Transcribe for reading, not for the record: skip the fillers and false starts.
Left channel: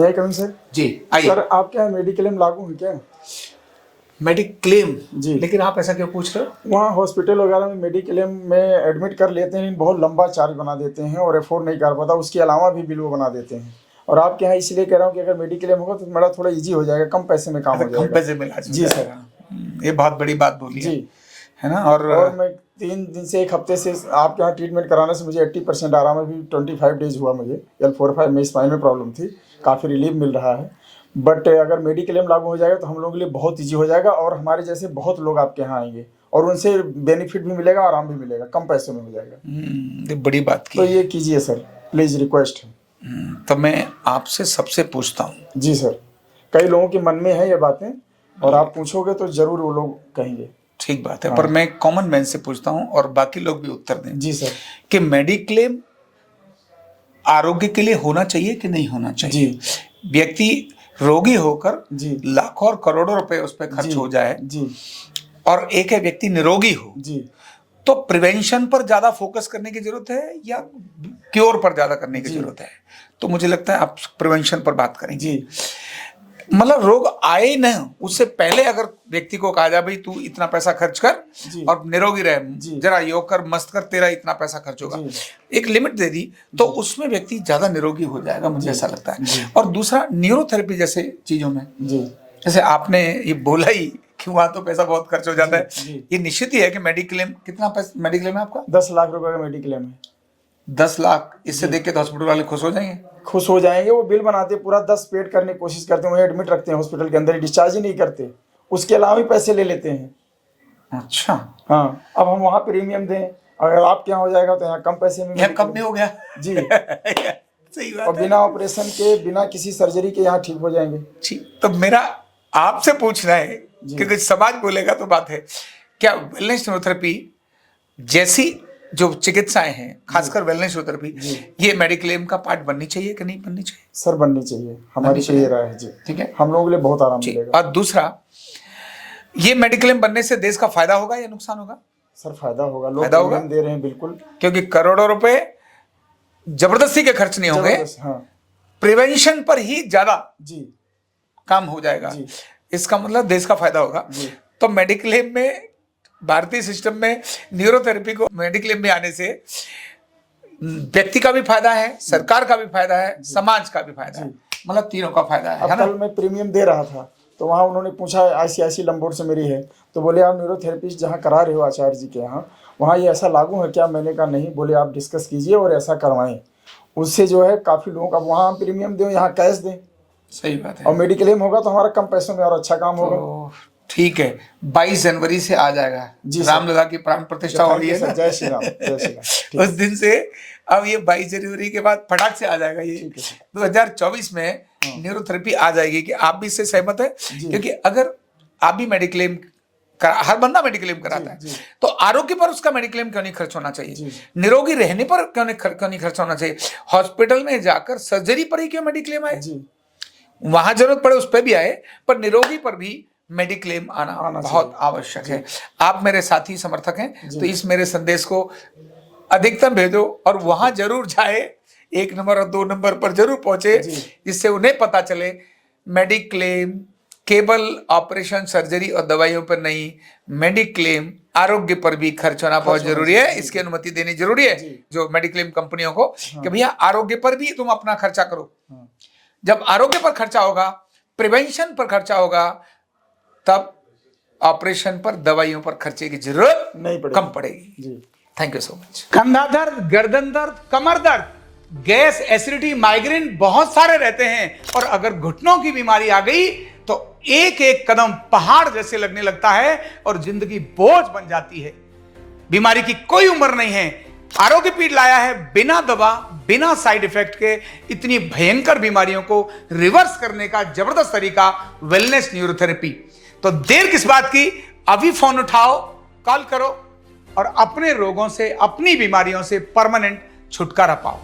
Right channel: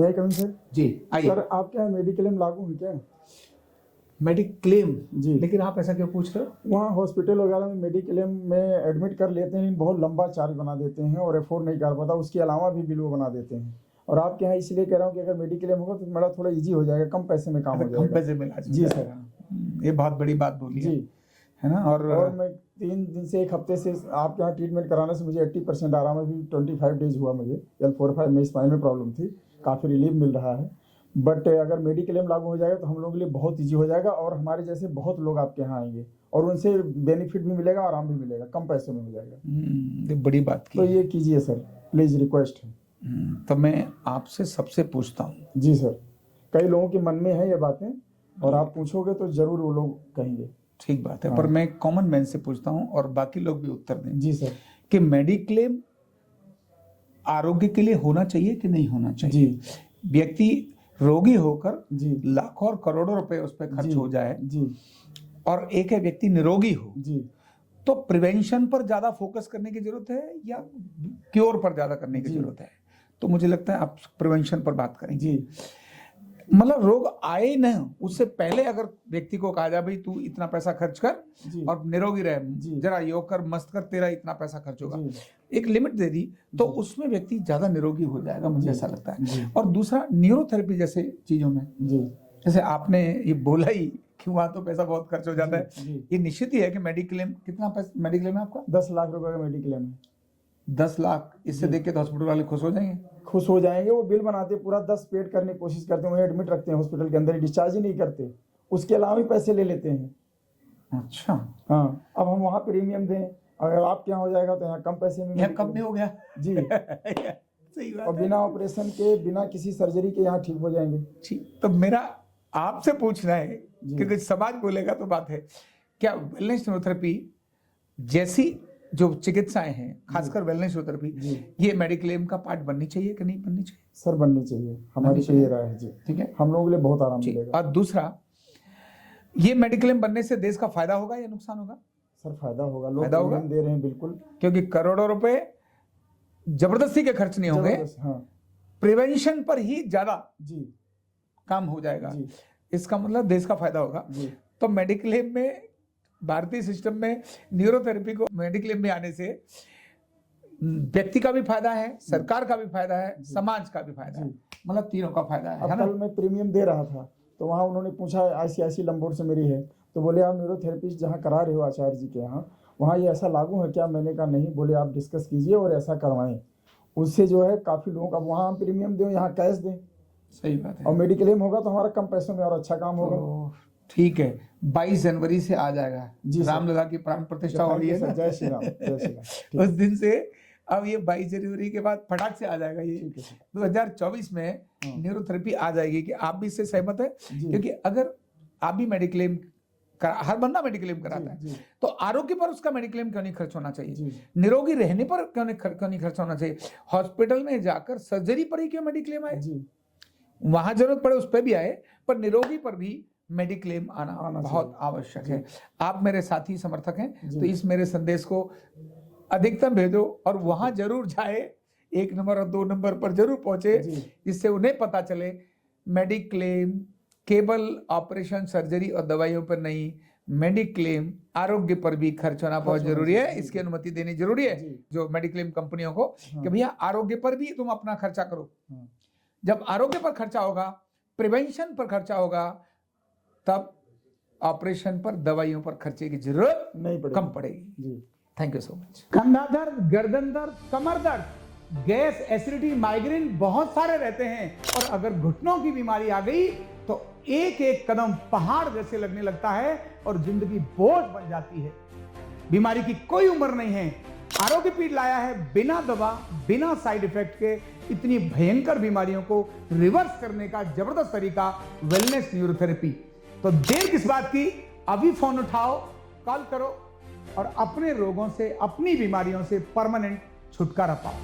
मैं coming sir. जी आइए। Sir आपके यहाँ मेडिक्लेम लागू है क्या? मेडिक्लेम जी। लेकिन आप ऐसा क्यों पूछ रहे हो? वहाँ हॉस्पिटल वगैरह में मेडिक्लेम में एडमिट कर लेते हैं, बहुत लंबा चार्ज बना देते हैं और अफोर्ड नहीं कर पाता, उसके अलावा भी बिल वो बना देते हैं। और आपके यहाँ इसलिए कह रहा हूँ कि अगर मेडिक्लेम होगा तो मेरा थोड़ा इजी हो जाएगा, कम पैसे में काम हो जाएगा। कम पैसे में इलाज हो जी जाएगा। ये बहुत बड़ी बात बोली जी है ना। और मैं 3 दिन से 1 हफ्ते से आपके यहाँ ट्रीटमेंट कराने से मुझे 80% आराम है। अभी 25 डेज हुआ मुझे L4-5 में स्पाइन में प्रॉब्लम थी, काफ़ी रिलीफ मिल रहा है। बट अगर मेडिक्लेम लागू हो जाएगा तो हम लोगों के लिए बहुत ईजी हो जाएगा और हमारे जैसे बहुत लोग आपके यहाँ आएंगे और उनसे बेनिफिट भी मिलेगा, आराम भी मिलेगा, कम पैसे में हो जाएगा। ये बड़ी बात की तो ये कीजिए सर, प्लीज़, रिक्वेस्ट है। तो मैं आपसे सबसे पूछता हूँ। जी सर, कई लोगों के मन में है ये बातें और आप पूछोगे तो ज़रूर वो लोग कहेंगे। ठीक बात है, पर मैं कॉमन मैन से पूछता हूँ और बाकी लोग भी उत्तर दें। जी सर। कि मेडिक्लेम आरोग्य के लिए होना चाहिए कि नहीं होना चाहिए? जी। व्यक्ति रोगी होकर जी लाखों और करोड़ों रुपए उस पर खर्च हो जाए जी और एक है व्यक्ति निरोगी हो, जी, तो प्रिवेंशन पर ज्यादा फोकस करने की जरूरत है या क्योर पर ज्यादा करने की जरूरत है? तो मुझे लगता है आप प्रिवेंशन पर बात करेंगे। जी। मतलब रोग आए न उससे पहले अगर व्यक्ति को कहा जाए भाई तू इतना पैसा खर्च कर और निरोगी रहे, जरा योग कर, मस्त कर, तेरा इतना पैसा खर्च होगा, एक लिमिट दे दी तो उसमें व्यक्ति ज्यादा निरोगी हो जाएगा, मुझे ऐसा लगता है। और दूसरा न्यूरोथेरेपी जैसे चीजों में, जैसे आपने ये बोला ही कि वहां तो पैसा बहुत खर्च हो जाता है, ये निश्चित ही है कि मेडिक्लेम, कितना पैसा मेडिक्लेम है आपका? 10 लाख रुपए का मेडिक्लेम है। 10 लाख, इससे देख के तो हॉस्पिटल वाले खुश हो जाएंगे। खुश हो जाएंगे, वो बिल बनाते पूरा 10 पेड करने की कोशिश करते हैं, वहीं एडमिट रखते हैं हॉस्पिटल के अंदर ही, डिस्चार्ज ही नहीं करते, उसके अलावा भी पैसे ले लेते हैं। अच्छा। हाँ, अब हम वहाँ प्रीमियम दें, अगर आपके यहाँ हो जाएगा तो यहाँ कम पैसे में। यहाँ कम नहीं हो गया? जी सही बात और बिना ऑपरेशन के, बिना किसी सर्जरी के यहाँ ठीक हो जाएंगे। ठीक, तो मेरा आपसे पूछना है क्योंकि समाज बोलेगा तो बात है, क्या वेलनेस न्यूरोथेरेपी जैसी जो चिकित्साएं हैं, खासकर वेलनेस न्यूरोथेरेपी, ये मेडिक्लेम का पार्ट बननी चाहिए कि नहीं बननी चाहिए? सर बननी चाहिए, हमारी तो ये राय है जी। ठीक है, हम लोगों के लिए बहुत आराम मिलेगा। और दूसरा, ये मेडिक्लेम बनने से देश का फायदा होगा या नुकसान होगा? सर फायदा होगा, लोग प्रीमियम दे रहे हैं बिल्कुल, क्योंकि करोड़ों रुपए जबरदस्ती के खर्च नहीं होंगे, प्रिवेंशन पर ही ज्यादा जी काम हो जाएगा, इसका मतलब देश का फायदा होगा। तो मेडिक्लेम में, भारतीय सिस्टम में न्यूरोथेरेपी को मेडिक्लेम में आने से व्यक्ति का भी फायदा है, सरकार का भी फायदा है, समाज का भी फायदा है, मतलब तीनों का फायदा है। कल मैं प्रीमियम दे रहा था तो वहाँ उन्होंने पूछा, ICIC लंबोर्ड से मेरी है, तो बोले आप न्यूरोथेरेपिस्ट जहाँ करा रहे हो आचार्य जी के यहाँ, वहाँ ये ऐसा लागू है क्या? मैंने कहा नहीं। बोले आप डिस्कस कीजिए और ऐसा करवाएं, उससे जो है काफ़ी लोगों का, वहाँ हम प्रीमियम दें, यहाँ कैश दें। सही बात है। और मेडिक्लेम होगा तो हमारा कम पैसों में और अच्छा काम होगा। ठीक है, 22 जनवरी से आ जाएगा जी, रामलला की प्राण प्रतिष्ठा हो रही है। जय श्री राम, जय श्री राम। उस दिन से अब ये 22 जनवरी के बाद फटाक से आ जाएगा। ये 2024 में न्यूरोथेरेपी आ जाएगी। कि आप भी इससे सहमत है? क्योंकि अगर आप भी मेडिक्लेम, हर बंदा मेडिक्लेम कराता है, तो आरोग्य पर उसका मेडिक्लेम क्यों नहीं खर्च होना चाहिए? निरोगी रहने पर क्यों नहीं खर्च होना चाहिए? हॉस्पिटल में जाकर सर्जरी पर ही क्यों मेडिक्लेम आए? वहां जरूरत पड़े उस पर भी आए, पर निरोगी पर भी मेडिक्लेम आना बहुत आवश्यक है। आप मेरे साथी समर्थक हैं, तो इस मेरे संदेश को अधिकतम भेजो और वहां जरूर जाए, 1 नंबर और 2 नंबर पर जरूर पहुंचे, जिससे उन्हें पता चले मेडिक्लेम केवल ऑपरेशन, सर्जरी और दवाइयों पर नहीं, मेडिक्लेम आरोग्य पर भी खर्च होना बहुत जरूरी है। इसकी अनुमति देनी जरूरी है जो मेडिक्लेम कंपनियों को, कि भैया आरोग्य पर भी तुम अपना खर्चा करो। जब आरोग्य पर खर्चा होगा, प्रिवेंशन पर खर्चा होगा, तब ऑपरेशन पर, दवाइयों पर खर्चे की जरूरत नहीं पड़ेगी, कम पड़ेगी। Thank you so much. कंधा दर्द, गर्दन दर्द, कमर दर्द, गैस, एसिडिटी, माइग्रेन बहुत सारे रहते हैं, और अगर घुटनों की बीमारी आ गई तो एक एक कदम पहाड़ जैसे लगने लगता है और जिंदगी बोझ बन जाती है। बीमारी की कोई उम्र नहीं है। आरोग्य पीठ लाया है बिना दवा, बिना साइड इफेक्ट के इतनी भयंकर बीमारियों को रिवर्स करने का जबरदस्त तरीका, वेलनेस न्यूरोथेरेपी। तो देर किस बात की, अभी फोन उठाओ, कॉल करो और अपने रोगों से, अपनी बीमारियों से परमानेंट छुटकारा पाओ।